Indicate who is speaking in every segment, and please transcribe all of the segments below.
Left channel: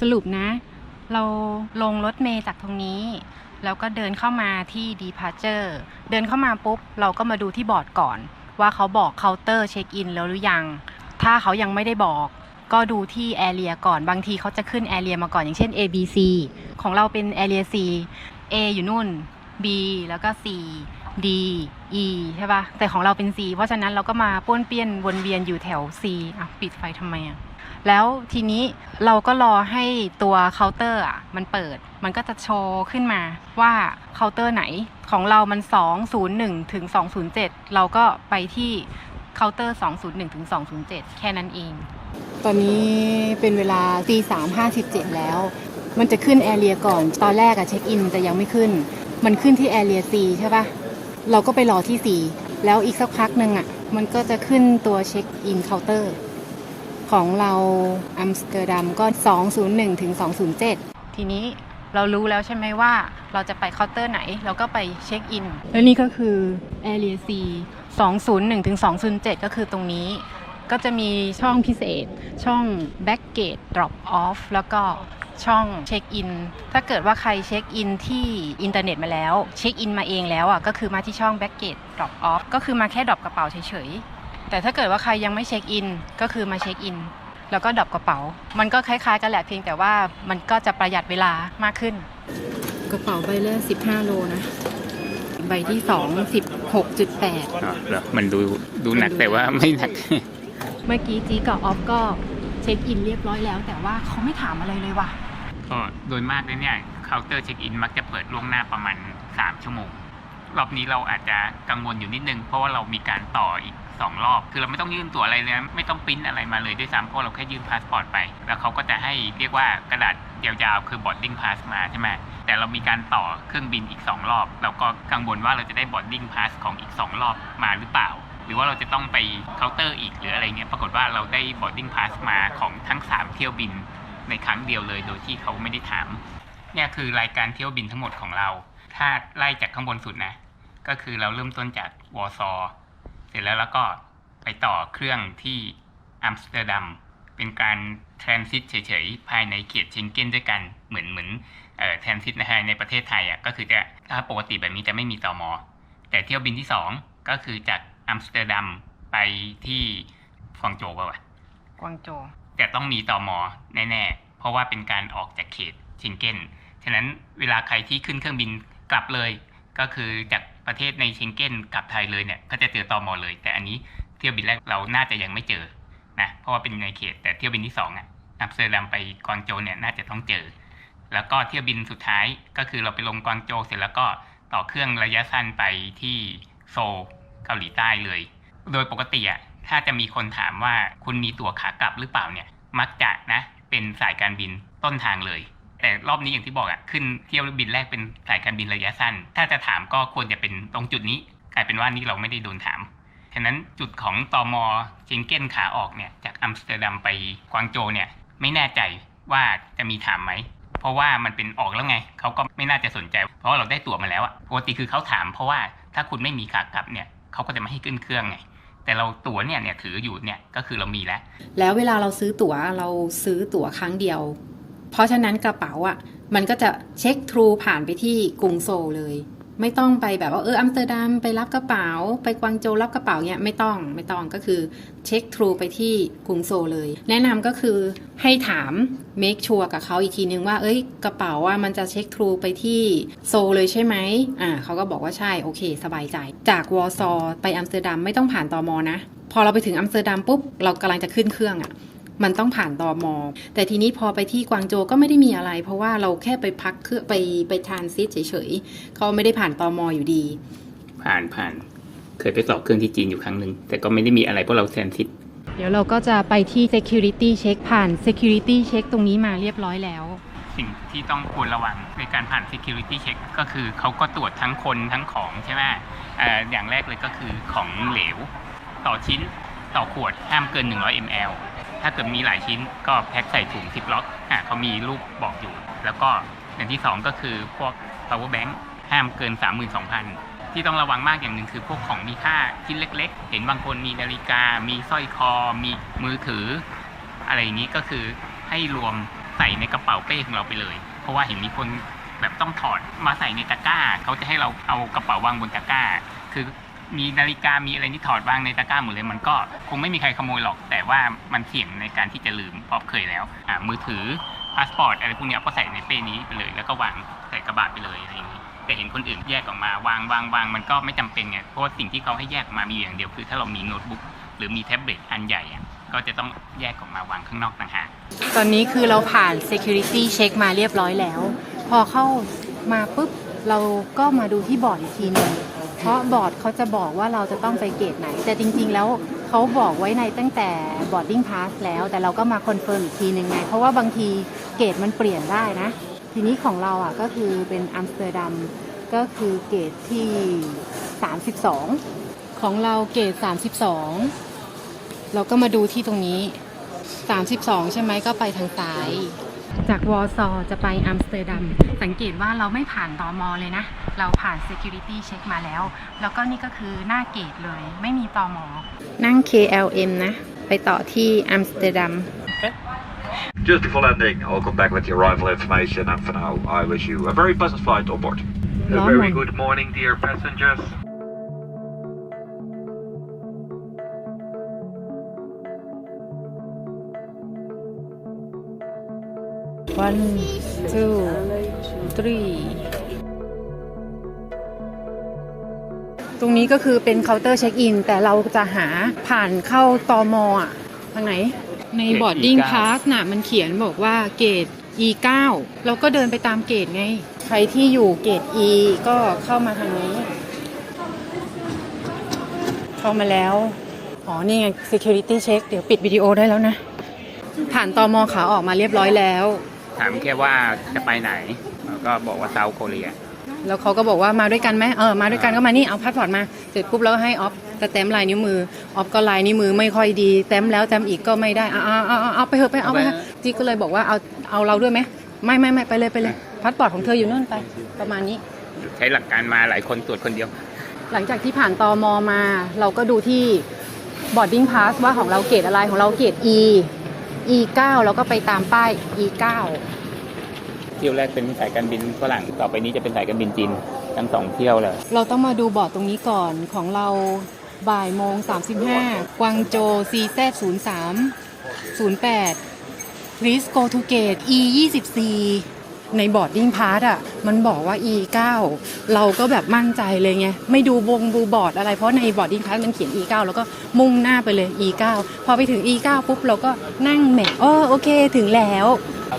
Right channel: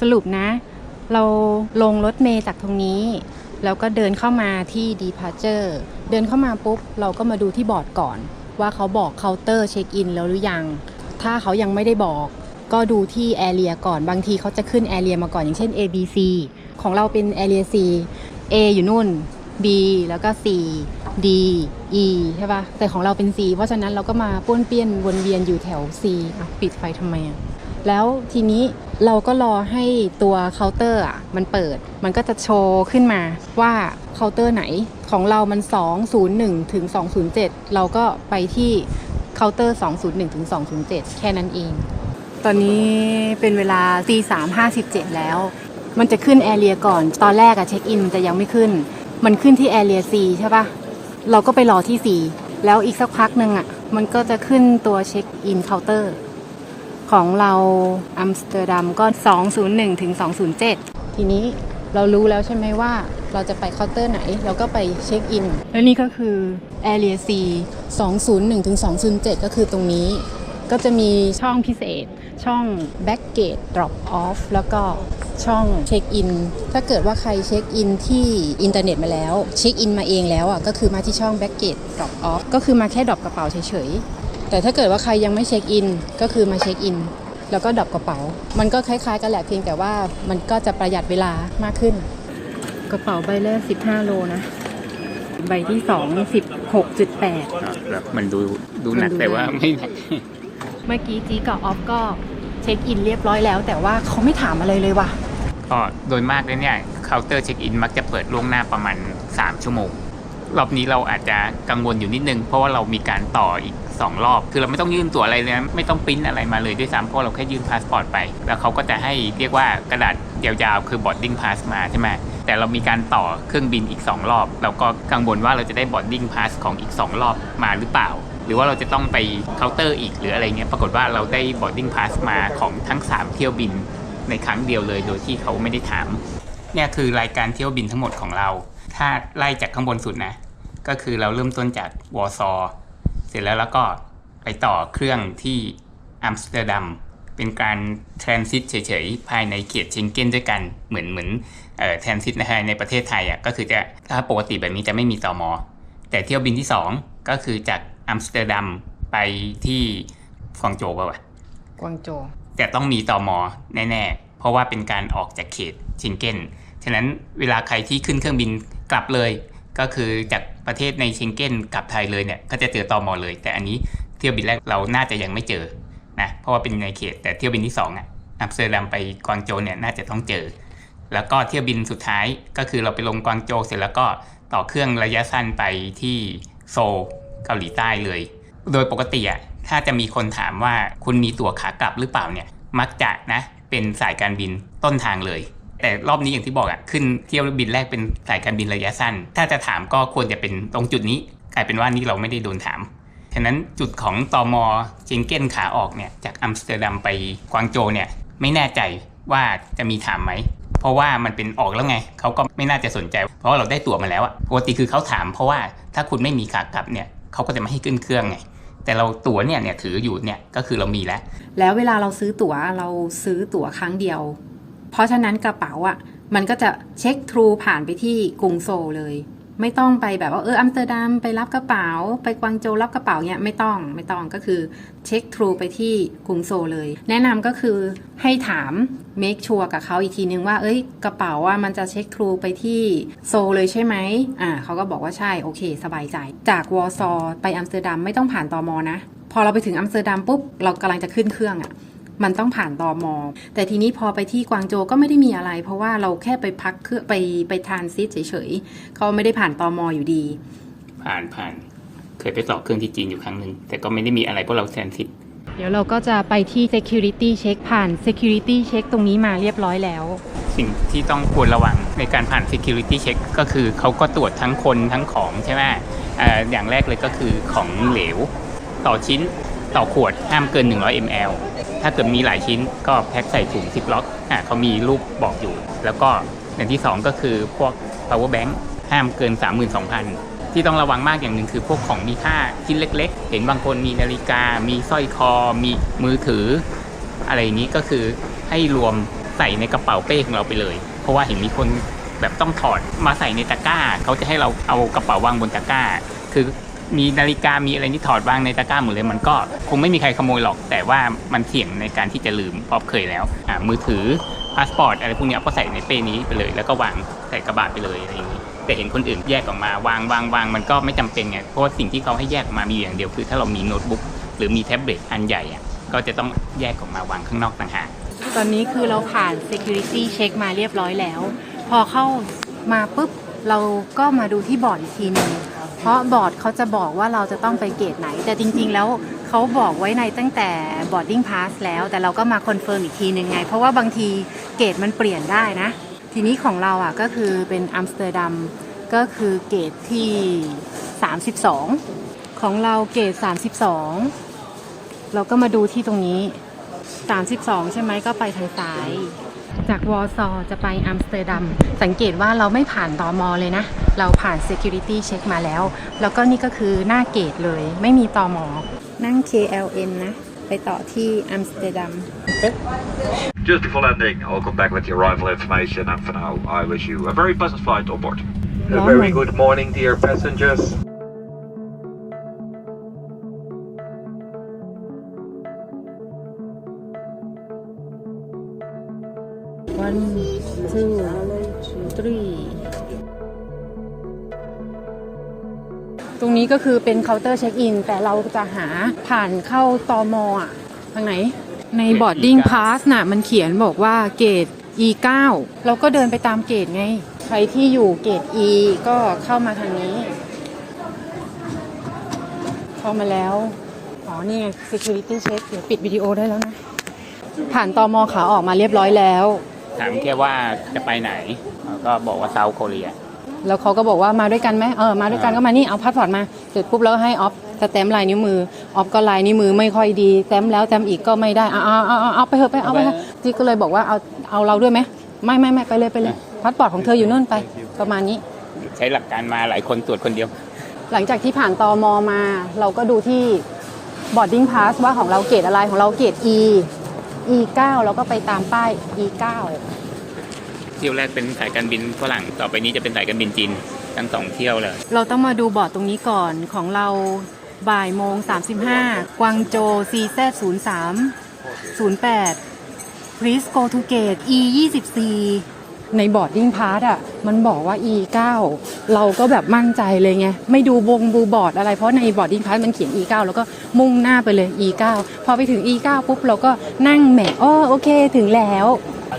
Speaker 1: สรุปนะ เราลงรถเมย์จากตรงนี้ แล้วก็เดินเข้ามาที่ departure เดินเข้ามาปุ๊บ เราก็มาดูที่บอร์ดก่อน ว่าเขาบอกเคาน์เตอร์เช็คอินแล้วหรือยัง ถ้าเขายังไม่ได้บอกก็ดูที่แอเรียก่อนบางทีเขาจะขึ้นแอเรียมาก่อนอย่างเช่น A B C ของเราเป็นแอเรีย C A อยู่นู่น B แล้วก็ C D E ใช่ปะแต่ของเราเป็น C เพราะฉะนั้นเราก็มาป้วนเปี้ยนวนเวียนอยู่แถว C อะ ปิดไฟทำไมอะ แล้วทีนี้เราก็รอให้ตัวเคาน์เตอร์อะมันเปิด มันก็จะโชว์ขึ้นมาว่าเคาน์เตอร์ไหนของเรามัน 201 ถึง 207 เราก็ไปที่เคาน์เตอร์ 201 ถึง 207 แค่นั้นเอง ตอนนี้เป็นเวลาตีสามห้าสิบเจ็ดแล้ว มันจะขึ้นแอเรียก่อน ตอนแรกอะเช็คอินจะยังไม่ขึ้น มันขึ้นที่แอเรีย C ใช่ปะเราก็ไปรอที่ C แล้วอีกสักพักหนึ่งอะมันก็จะขึ้นตัวเช็คอินเคาน์เตอร์ ของเราอัมสเตอร์ดัมก็ 201ถึง207 ทีนี้เรารู้แล้วใช่ไหมว่าเราจะไปเคาน์เตอร์ไหน เราก็ไปเช็คอิน แล้วนี่ก็คือ Area C 201ถึง207 ก็คือตรงนี้ก็จะมีช่องพิเศษ ช่อง Back Gate Drop Off แล้วก็ช่องเช็คอิน ถ้าเกิดว่าใครเช็คอินที่อินเทอร์เน็ตมาแล้ว เช็คอินมาเองแล้วอะก็คือมาที่ช่อง Back Gate Drop Off ก็คือมาแค่ดรอปกระเป๋าเฉย แต่ถ้าเกิดว่าใครยังไม่เช็คอินก็คือมาเช็คอิน แล้วก็ดรอปกระเป๋า มันก็คล้ายๆ กันแหละเพียงแต่ว่ามันก็จะประหยัดเวลามากขึ้น กระเป๋าใบแรก15 โลนะ ใบที่2 16.8
Speaker 2: อ๋อแล้วมันดูดูหนักแต่ว่าไม่หนัก
Speaker 1: เมื่อกี้จีกับออฟก็เช็คอินเรียบร้อยแล้ว แต่ว่าเขาไม่ถามอะไรเลยว่ะ
Speaker 2: ก็โดยมากเลยเนี่ยเคาน์เตอร์เช็คอินมักจะเปิดล่วงหน้าประมาณ 3 ชั่วโมง รอบนี้เราอาจจะกังวลอยู่นิดนึง เพราะว่าเรามีการต่ออีก 2 รอบ คือเราไม่ต้องยื่นตั๋วอะไรเลยนะไม่ต้องปริ้นอะไรมาเลยด้วยซ้ำเพราะเราแค่ยื่นพาสปอร์ตไป แล้วเขาก็จะให้เรียกว่ากระดาษยาวๆ คือ boarding pass มาใช่ไหมแต่เรามีการต่อเครื่องบินอีก 2 รอบ เราก็กังวลว่าเราจะได้ boarding pass ของอีก 2 รอบมาหรือเปล่า หรือว่าเราจะต้องไปเคาน์เตอร์อีกหรืออะไรเงี้ยปรากฏว่าเราได้ boarding pass มาของทั้ง 3 เที่ยวบินในครั้งเดียวเลยโดยที่เขาไม่ได้ถามเนี่ยคือรายการเที่ยวบินทั้งหมดของเรา ถ้าไล่จากข้างบนสุดนะ ก็คือเราเริ่มต้นจากวอร์ซอ ร์เสร็จแล้วแล้วก็ไปต่อเครื่องที่อัมสเตอร์ดัมเป็นการทรานซิตเฉยๆ ภายในเขตเชงเก้นด้วยกันเหมือนเหมือนเอ่อทรานซิตในในประเทศไทยอะก็คือจะถ้าปกติแบบนี้จะไม่มีตอมอ แต่เที่ยวบินที่ 2 ก็คือจากอัมสเตอร์ดัมไปที่ฟองโจวป่าวะ
Speaker 1: กวางโจว
Speaker 2: แต่ต้องมีตอมอแน่ๆ เพราะว่าเป็นการออกจากเขตเชงเก้นฉะนั้นเวลาใครที่ขึ้นเครื่องบินกลับเลย ก็คือจากประเทศในเชงเก้นกลับไทยเลยเนี่ยก็จะเจอตอมอเลย แต่อันนี้เที่ยวบินแรกเราน่าจะยังไม่เจอนะเพราะว่าเป็นในเขตแต่เที่ยวบินที่2อะอัมสเตอร์ดัมไปกวางโจวเนี่ยน่าจะต้องเจอ แล้วก็เที่ยวบินสุดท้ายก็คือเราไปลงกวางโจวเสร็จแล้วก็ต่อเครื่องระยะสั้นไปที่โซลเกาหลีใต้เลย โดยปกติอะถ้าจะมีคนถามว่าคุณมีตั๋วขากลับหรือเปล่าเนี่ยมักจะนะเป็นสายการบินต้นทางเลย แต่รอบนี้อย่างที่บอกอะขึ้นเที่ยวบินแรกเป็นสายการบินระยะสั้น ถ้าจะถามก็ควรจะเป็นตรงจุดนี้ กลายเป็นว่านี่เราไม่ได้โดนถามฉะนั้นจุดของตอมอเชงเก้นขาออกเนี่ยจากอัมสเตอร์ดัมไปกวางโจวเนี่ยไม่แน่ใจว่าจะมีถามไหม เพราะว่ามันเป็นออกแล้วไง เขาก็ไม่น่าจะสนใจ เพราะว่าเราได้ตั๋วมาแล้วอะปกติคือเขาถามเพราะว่าถ้าคุณไม่มีขากลับเนี่ยเขาก็จะไม่ให้ขึ้นเครื่องไงแต่เราตั๋วเนี่ยเนี่ยถืออยู่เนี่ยก็คือเรามีแล้ว
Speaker 1: แล้วเวลาเราซื้อตั๋วเราซื้อตั๋วครั้งเดียว เพราะฉะนั้นกระเป๋าอะมันก็จะเช็คทรูผ่านไปที่กรุงโซลเลย ไม่ต้องไปแบบว่าเอออัมสเตอร์ดัมไปรับกระเป๋า ไปกวางโจรับกระเป๋าเนี่ยไม่ต้องไม่ต้องก็คือเช็คทรูไปที่กรุงโซลเลย แนะนำก็คือให้ถาม make sure กับเขาอีกทีนึงว่าเอ้ยกระเป๋าว่ามันจะเช็คทรูไปที่โซลเลยใช่ไหมอ่าเขาก็บอกว่าใช่โอเค สบายใจ จากวอร์ซอไปอัมสเตอร์ดัมไม่ต้องผ่านตอมอนะ พอเราไปถึงอัมสเตอร์ดัมปุ๊บเรากำลังจะขึ้นเครื่องอะ่ะ มันต้องผ่านตอมอแต่ทีนี้พอไปที่กวางโจวก็ไม่ได้มีอะไร เพราะว่าเราแค่ไปพักเครื่องไปไปทรานซิตเฉยๆเขาไม่ได้ผ่านตอมออยู่ดี
Speaker 2: ผ่านผ่าน เคยไปต่อเครื่องที่จีนอยู่ครั้งหนึ่งแต่ก็ไม่ได้มีอะไรเพราะเราแทนซิต
Speaker 1: เดี๋ยวเราก็จะไปที่ security check ผ่าน security check ตรงนี้มาเรียบร้อยแล้ว
Speaker 2: สิ่งที่ต้องควรระวังในการผ่าน security check ก็คือเขาก็ตรวจทั้งคนทั้งของใช่ไหมเอ่ออย่างแรกเลยก็คือของเหลว ต่อชิ้นต่อขวดห้ามเกิน 100 ml ถ้าเกิดมีหลายชิ้นก็แพ็คใส่ถุงซิปล็อกอะเขามีรูปบอกอยู่ แล้วก็อย่างที่ 2 ก็คือพวก power bank ห้ามเกิน 32,000 ที่ต้องระวังมากอย่างหนึ่งคือพวกของมีค่าชิ้นเล็ก ๆ เห็นบางคนมีนาฬิกา มีสร้อยคอ มีมือถือ อะไรอย่างนี้ก็คือให้รวมใส่ในกระเป๋าเป้ของเราไปเลย เพราะว่าเห็นมีคนแบบต้องถอดมาใส่ในตะกร้า เขาจะให้เราเอากระเป๋าวางบนตะกร้า คือ มีนาฬิกามีอะไรที่ถอดวางในตะกร้าหมดเลยมันก็คงไม่มีใครขโมยหรอก แต่ว่ามันเสี่ยงในการที่จะลืมเพราะเคยแล้วอ่ามือถือพาสปอร์ตอะไรพวกนี้ก็ใส่ในเป้นี้ไปเลย แล้วก็วางใส่กระบะไปเลยอะไรอย่างนี้แต่เห็นคนอื่นแยกออกมาวางวางวางมันก็ไม่จำเป็นไงเพราะสิ่งที่เขาให้แยกออกมามีอย่างเดียวคือ ถ้าเรามีโน้ตบุ๊กหรือมีแท็บเล็ตอันใหญ่อะก็จะต้องแยกออกมาวางข้างนอกต่างหาก
Speaker 1: ตอนนี้คือเราผ่าน security check มาเรียบร้อยแล้ว พอเข้ามาปุ๊บเราก็มาดูที่บอร์ดอีกทีหนึ่ง ราะบอร์ดเขาจะบอกว่าเราจะต้องไปเกตไหน แต่จริง ๆ แล้วเขาบอกไว้ในตั้งแต่ boarding pass แล้ว แต่เราก็มาคอนเฟิร์มอีกทีหนึ่งไง เพราะว่าบางทีเกตมันเปลี่ยนได้นะ ทีนี้ของเราอะก็คือเป็นอัมสเตอร์ดัมก็คือเกตที่ 32 ของเราเกต 32 เราก็มาดูที่ตรงนี้ 32 ใช่ไหมก็ไปทางซ้าย จากวอร์ซอจะไปอัมสเตอร์ดัม สังเกตว่าเราไม่ผ่านตอมอเลยนะ เราผ่าน Security Check มาแล้ว แล้วก็นี่ก็คือหน้าเกตเลย ไม่มีตอมอ นั่ง KLM นะ ไปต่อที่อัมสเตอร์ดัม
Speaker 3: Just before landing, I'll come back with the arrival information, and for now, I wish you a very pleasant flight on board.
Speaker 4: A very good morning, dear passengers.
Speaker 1: One two three ตรงนี้ก็คือเป็นเคาน์เตอร์เช็คอิน แต่เราจะหาผ่านเข้าตอมอะทางไหน ใน
Speaker 2: เกรด
Speaker 1: boarding
Speaker 2: E9
Speaker 1: pass น่ะมันเขียนบอกว่าเกรด E9 เราก็เดินไปตามเกรดไง ใครที่อยู่เกรด E ก็เข้ามาทางนี้ เข้ามาแล้ว อ๋อ นี่ไง security check เดี๋ยวปิดวิดีโอได้แล้วนะ ผ่านตอมอขาออกมาเรียบร้อยแล้ว
Speaker 2: ถามแค่ว่าจะไปไหนแล้วก็บอกว่าเซาท์เกาหลี
Speaker 1: แล้วเขาก็บอกว่ามาด้วยกันไหมเออมาด้วยกันก็มานี่เอาพาสปอร์ตมาเสร็จปุ๊บแล้วให้ออฟสแตมป์ลายนิ้วมือออฟก็ลายนิ้วมือไม่ค่อยดีแต้มแล้วแต้มอีกก็ไม่ได้เอาเอาเอาเอาเอาไปเถอะไปเอาไปเถอะที่ก็เลยบอกว่าเอาเอาเราด้วยไหมไม่ไม่ไม่ไปเลยไปเลยพาสปอร์ตของเธออยู่นู่นไป ประมาณนี้
Speaker 2: ใช้หลักการมาหลายคนตรวจคนเดียว
Speaker 1: หลังจากที่ผ่านตอมอมา เราก็ดูที่ boarding pass ว่าของเราเกรดอะไรของเราเกรด E E 9 แล้วก็ไปตามป้าย E 9
Speaker 2: เที่ยวแรกเป็นสายการบินฝรั่งต่อไปนี้จะเป็นสายการบินจีนทั้งสองเที่ยวเลย
Speaker 1: เราต้องมาดูบอร์ดตรงนี้ก่อนของเราบ่ายโมง 35 กวางโจ CZ 0 3 0 8 Please go to gate E 24 ในบอร์ดดิ้งพาร์ทอะมันบอกว่า E 9 เราก็แบบมั่นใจเลยไงไม่ดูวงบูบอร์ดอะไรเพราะในบอร์ดดิ้งพาร์ทมันเขียน E 9 แล้วก็มุ่งหน้าไปเลย E 9 พอไปถึง E 9 ปุ๊บเราก็นั่งแหมอ้อโอเคถึงแล้ว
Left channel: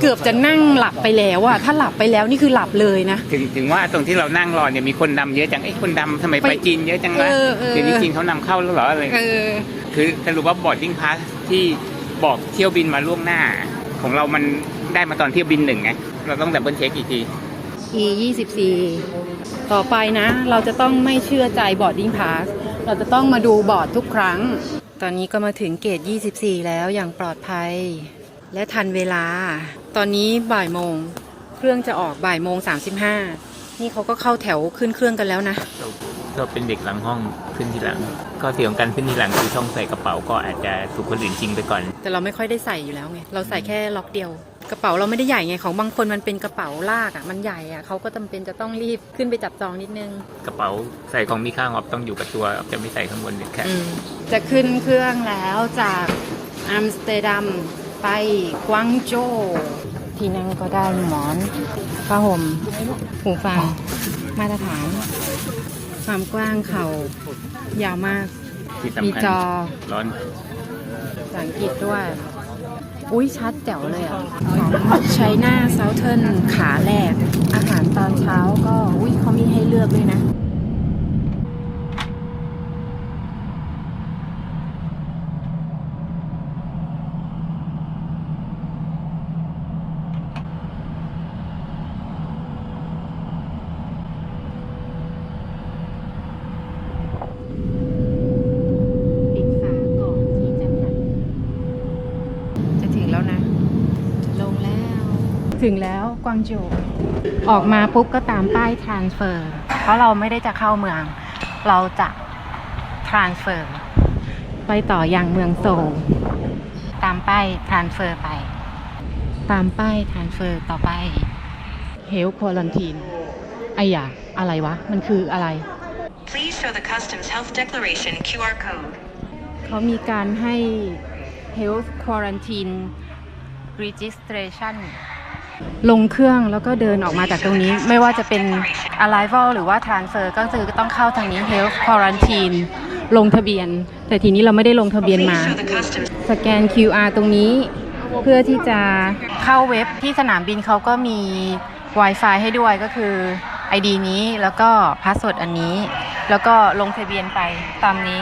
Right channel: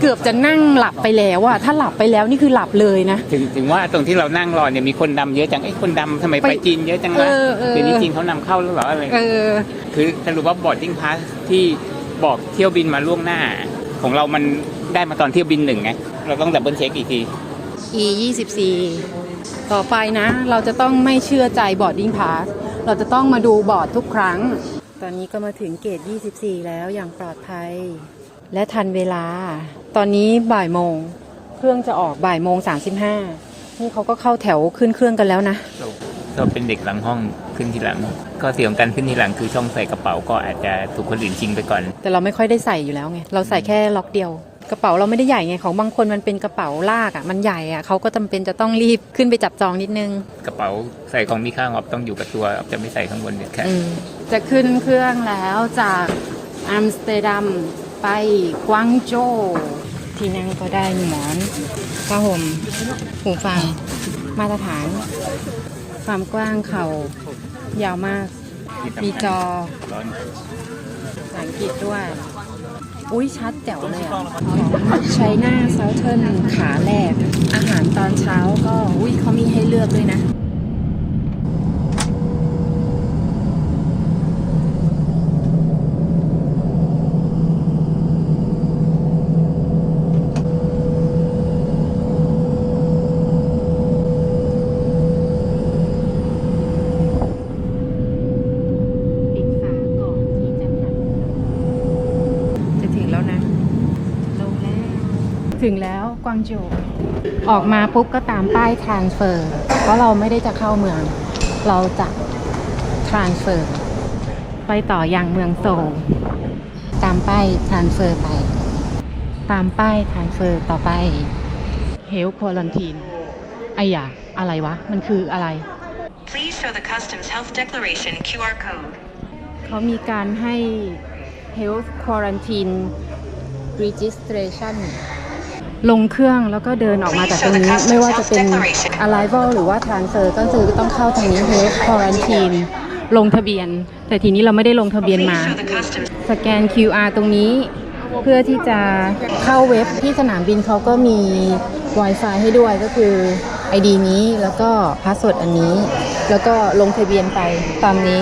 Speaker 1: เกือบจะนั่งหลับไปแล้วอะถ้าหลับไปแล้วนี่คือหลับเลยนะ
Speaker 2: ถึงถึงว่าตรงที่เรานั่งรอเนี่ยมีคนดำเยอะจังไอ้ยคนดำทำไมไป
Speaker 1: ไป
Speaker 2: จีนเยอะจัง
Speaker 1: เอ
Speaker 2: นะ
Speaker 1: อเออ
Speaker 2: ถึงจีนเขานำเข้าแล้วเหรออะไร
Speaker 1: เออ
Speaker 2: คือสรุปว่าบอร์ดดิ้งพาสที่บอกเที่ยวบินมาล่วงหน้า ของเรามัน ได้มาตอนเที่ยวบินหนึ่งไงเราต้องดับเบิลเช็คอีกที
Speaker 1: E 24ต่อไปนะ เราจะต้องไม่เชื่อใจบอร์ดดิ้งพาสเราจะต้องมาดูบอร์ดทุกครั้ง ตอนนี้ก็มาถึงเกต 24 แล้วอย่างปลอดภัย และทันเวลา ตอนนี้บ่ายโมง เครื่องจะออกบ่ายโมง 35 นี่เขาก็เข้าแถวขึ้นเครื่องกันแล้วนะ
Speaker 2: เราเราเป็นเด็กหลังห้องขึ้นทีหลัง ก็เสียของการขึ้นทีหลังคือช่องใส่กระเป๋าก็อาจจะถูกคนอื่นชิงไปก่อน
Speaker 1: แต่เราไม่ค่อยได้ใส่อยู่แล้วไง เราใส่แค่ล็อกเดียว กระเป๋าเราไม่ได้ใหญ่ไงของบางคนมันเป็นกระเป๋าลากอะมันใหญ่อะเขาก็จำเป็นจะต้องรีบขึ้นไปจับจองนิดนึง
Speaker 2: กระเป๋าใส่ของมีค่าออฟต้องอยู่กับตัวออฟจะไม่ใส่ข้างบนเด็ดขาด
Speaker 1: จะขึ้นเครื่องแล้วจากอัมสเตอร์ดัมไปกวางโจวที่นั่งก็ได้หมอนผ้าห่มหูฟัง มาตรฐาน ความกว้างเขายาวมาก
Speaker 2: ที่สำคัญ
Speaker 1: มีจอ
Speaker 2: ร้อน
Speaker 1: ภาษาอังกฤษด้วย อุ้ยชัดแจ๋วเลยอะของใช้หน้าเซาเทิร์นขาแรก อาหารตอนเช้าก็อุ้ยเขามีให้เลือกด้วยนะ ปิดฝาก่อนที่จะใส่จะถึงแล้วนะ ลงแล้ว ถึงแล้วกวางโจวออกมาปุ๊บก็ตามป้าย transfer เพราะเราไม่ได้จะเข้าเมือง เราจะ transfer ไปต่ออยังเมืองโซลตามป้าย transfer ไป ตามป้ายทานเฟอร์ต่อไปเฮลควอลันทีนไอ้ยาอะไรวะ มันคืออะไร
Speaker 5: Please show the Customs Health Declaration QR code.
Speaker 1: เขามีการให้ Health Quarantine Registration ลงเครื่องแล้วก็เดินออกมาจากตรงนี้ ไม่ว่าจะเป็น Arrival หรือว่า Transfer ก็คือต้องเข้าทางนี้ Health Quarantine ลงทะเบียน แต่ทีนี้เราไม่ได้ลงทะเบียนมา สแกน QR ตรงนี้ เพื่อที่จะเข้าเว็บที่สนามบินเขาก็มี Wi-Fi ให้ด้วยก็คือ ID นี้แล้วก็พาสเวิร์ดอันนี้ แล้วก็ลงทะเบียนไปตามนี้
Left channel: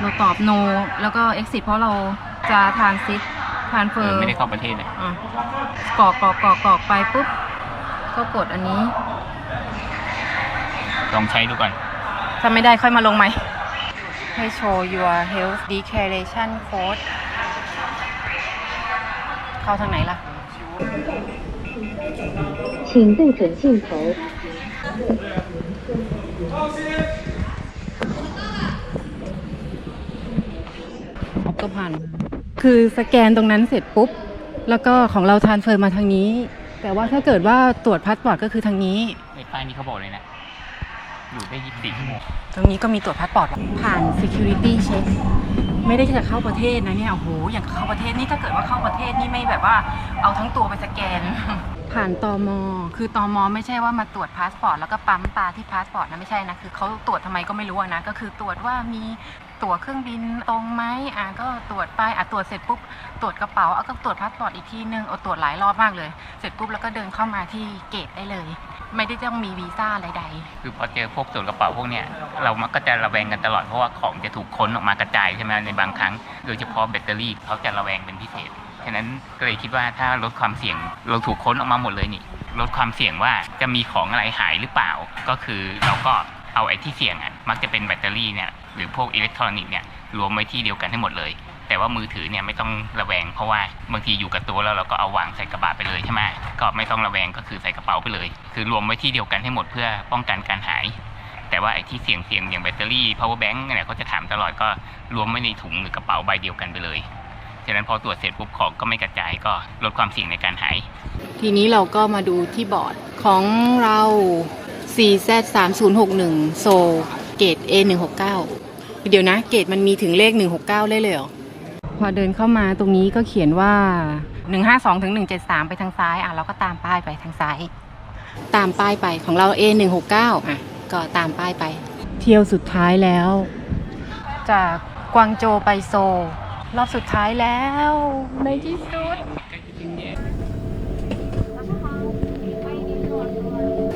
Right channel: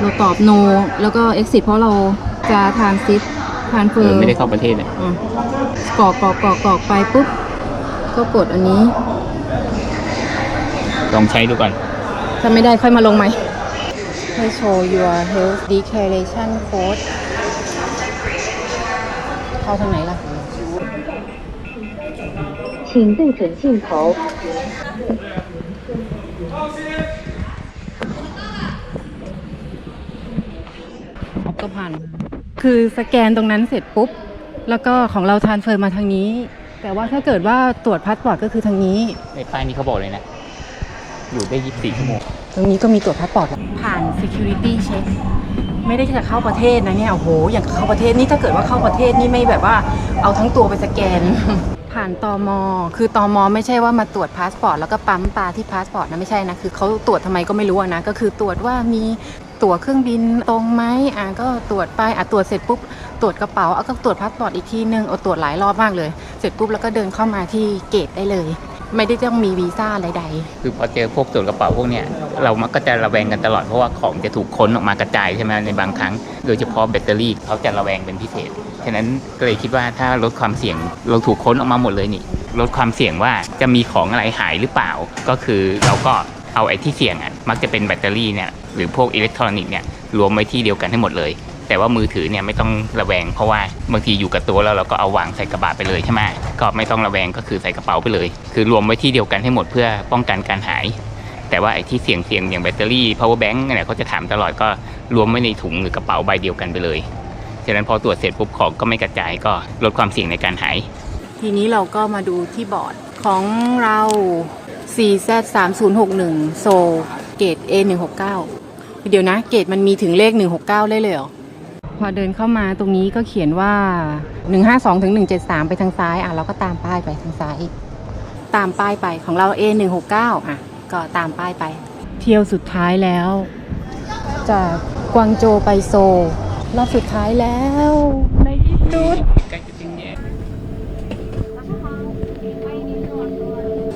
Speaker 1: เราตอบ no แล้วก็ exit เพราะเราจะทานซิ t ทานเฟ
Speaker 2: เอ
Speaker 1: อ
Speaker 2: อ
Speaker 1: ร์
Speaker 2: ไม่ได้เข้าประเทศเลย
Speaker 1: อ่ะกรอกกรอกกรอกกรอกไปปุ๊บ ก็กดอันนี้
Speaker 2: ลองใช้ดูก่อน
Speaker 1: ถ้าไม่ได้ค่อยมาลงใหม่ ให้โชว์ your health declaration code เข้าทางไหนล่ะ
Speaker 6: 请对准镜头。
Speaker 1: ออกก็ผ่าน คือสแกนตรงนั้นเสร็จปุ๊บ แล้วก็ของเราทานเฟอร์มาทางนี้ แต่ว่าถ้าเกิดว่าตรวจพาสปอร์ตก็คือทางนี้
Speaker 2: ในป้ายนี้เขาบอกเลยนะ อยู่ได้ 24 ชั่วโมง
Speaker 1: ตรงนี้ก็มีตรวจพาสปอร์ตผ่าน security check ไม่ได้จะเข้าประเทศนะเนี่ยโอ้โหอย่างเข้าประเทศนี่ถ้าเกิดว่าเข้าประเทศนี่ไม่แบบว่าเอาทั้งตัวไปสแกน ผ่านตอมคือตอมไม่ใช่ว่ามาตรวจพาสปอร์ตแล้วก็ปั๊มตาที่พาสปอร์ตนะไม่ใช่นะคือเขาตรวจทำไมก็ไม่รู้อะนะก็คือตรวจว่ามี ตั๋วเครื่องบินตรงไหมอะก็ตรวจไปอะตรวจเสร็จปุ๊บตรวจกระเป๋าเอาก็ตรวจพาสปอร์ตอีกทีนึงเอาตรวจหลายรอบมากเลย เสร็จปุ๊บแล้วก็เดินเข้ามาที่เกตได้เลย ไม่ได้ต้องมีวีซ่าใดๆ
Speaker 2: คือพอเจอพวกตรวจกระเป๋าพวกเนี้ยเรามักก็จะระแวงกันตลอดเพราะว่าของจะถูกค้นออกมากระจายใช่ไหมในบางครั้ง โดยเฉพาะแบตเตอรี่เขาจะระแวงเป็นพิเศษฉะนั้นก็เลยคิดว่าถ้าลดความเสี่ยงเราถูกค้นออกมาหมดเลยนี่ลดความเสี่ยงว่าจะมีของอะไรหายหรือเปล่า ก็คือเราก็เอาไอ้ที่เสี่ยงอะมักจะเป็นแบตเตอรี่เนี่ย หรือพวกอิเล็กทรอนิกส์เนี่ยรวมไว้ที่เดียวกันให้หมดเลย แต่ว่ามือถือเนี่ยไม่ต้องระแวงเพราะว่าบางทีอยู่กับตัวแล้วเราก็เอาวางใส่กระบะไปเลยใช่ไหมก็ไม่ต้องระแวงก็คือใส่กระเป๋าไปเลย คือรวมไว้ที่เดียวกันให้หมดเพื่อป้องกันการหาย แต่ว่าไอ้ที่เสี่ยงเสี่ยงๆอย่างแบตเตอรี่ power bank เนี่ยเขาจะถามตลอดก็รวมไว้ในถุงหรือกระเป๋าใบเดียวกันไปเลยฉะนั้นพอตรวจเสร็จปุ๊บของก็ไม่กระจายก็ลดความเสี่ยงในการหาย
Speaker 1: ทีนี้เราก็มาดูที่บอร์ดของเรา 4Z 3 0 6 1 โซเกต A 1 6 9 เดี๋ยวนะ เกตมันมีถึงเลข 169 เลยเลยเหรอ พอเดินเข้ามาตรงนี้ก็เขียนว่า 152ถึง173 ไปทางซ้าย อะเราก็ตามป้ายไปทางซ้าย ตามป้ายไปของเรา A 1 6 9อะ ก็ตามป้ายไป เที่ยวสุดท้ายแล้ว จากกวางโจไปโซลรอบสุดท้ายแล้ว ในที่สุด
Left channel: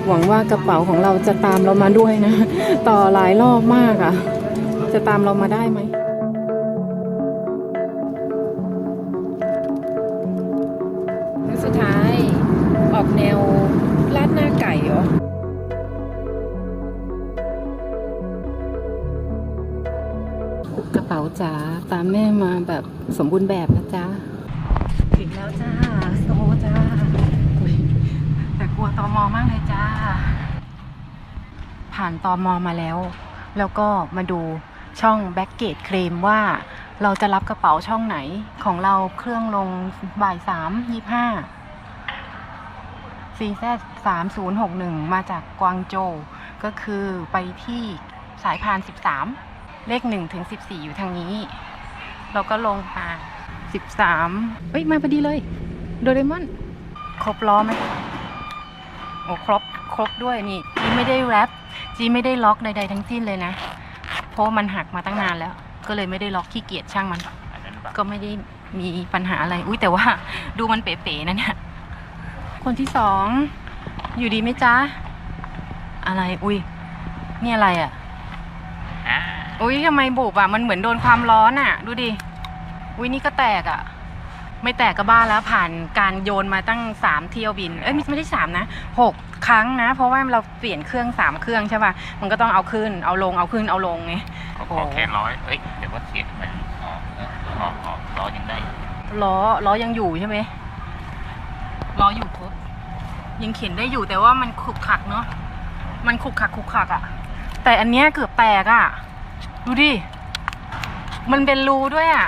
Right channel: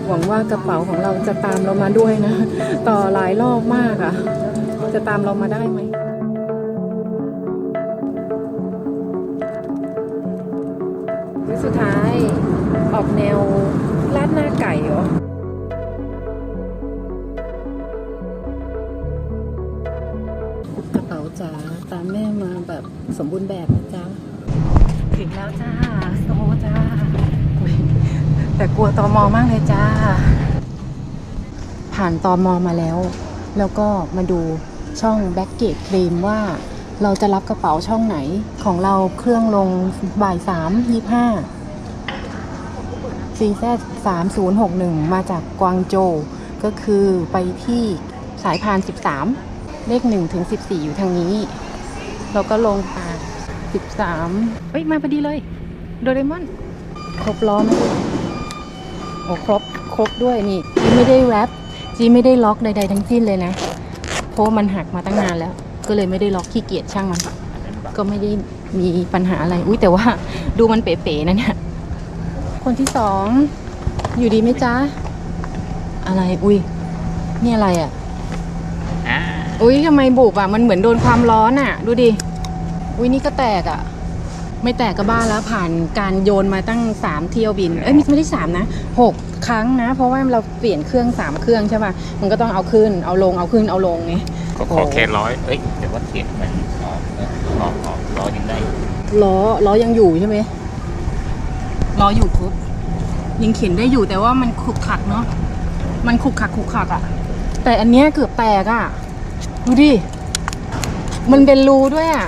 Speaker 1: หวังว่ากระเป๋าของเราจะตามเรามาด้วยนะ ต่อหลายรอบมากอะ่ะ จะตามเรามาได้ไหม มื้อสุดท้าย ออกแนวลาดหน้าไก่เหรอกระเป๋าจ๋าตามแม่มาแบบสมบูรณ์แบบนะจ๊ะถึงแล้วจ้าโซจ้าแต่กลัวตอมอมากเลยจ้า ผ่านตอมอมาแล้ว แล้วก็มาดู ช่องแบ็กเกจเคลมว่าเราจะรับกระเป๋าช่องไหนของเราเครื่องลงบ่ายสามยี่ห้า CZ 3061มศูนย์หกหนึ่งมาจากกวางโจวก็คือไปที่สายพาน13เลข1ถึง14อยู่ทางนี้ เราก็ลงมา13เอ้ย มาพอดีเลย โดเรมอน ครบล้อไหมโอ้ครบ ครบด้วยนี่จีไม่ได้แรปจีไม่ได้ล็อกใดๆทั้งสิ้นเลยนะ เพราะว่ามันหักมาตั้งนานแล้ว ก็เลยไม่ได้ล็อกขี้เกียจช่างมันก็ไม่ได้มีปัญหาอะไร อุ้ยแต่ว่าดูมันเป๋ๆนะเนี่ย คนที่สอง อยู่ดีไหมจ๊ะ อะไร อุ้ยนี่อะไรอะ
Speaker 2: อ่า
Speaker 1: อุ้ยทำไมบุบอะ มันเหมือนโดนความร้อนอะ ดูดิ อุ้ยนี่ก็แตกอะ ไม่แตกก็บ้าแล้วผ่านการโยนมาตั้งสามเที่ยวบิน เอ้ยไม่ไม่ได้สามนะหก ครั้งนะ เพราะว่าเราเปลี่ยนเครื่องสามเครื่องใช่ป่ะมันก็ต้องเอาขึ้นเอาลงเอาขึ้นเอาลงไง
Speaker 2: ก็ขอแค่ร้อยเอ้ยเดี๋ยวว่าเสียงมันออกเออออกออกร้อยยังได้
Speaker 1: ล้อล้อยังอยู่ใช่ไหมล้ออยู่ครบยังเขียนได้อยู่แต่ว่ามันขลุกขักเนาะมันขลุกขักขลุกขักอะแต่อันเนี้ยเกือบแตกอะดูดิมันเป็นรูด้วยอะ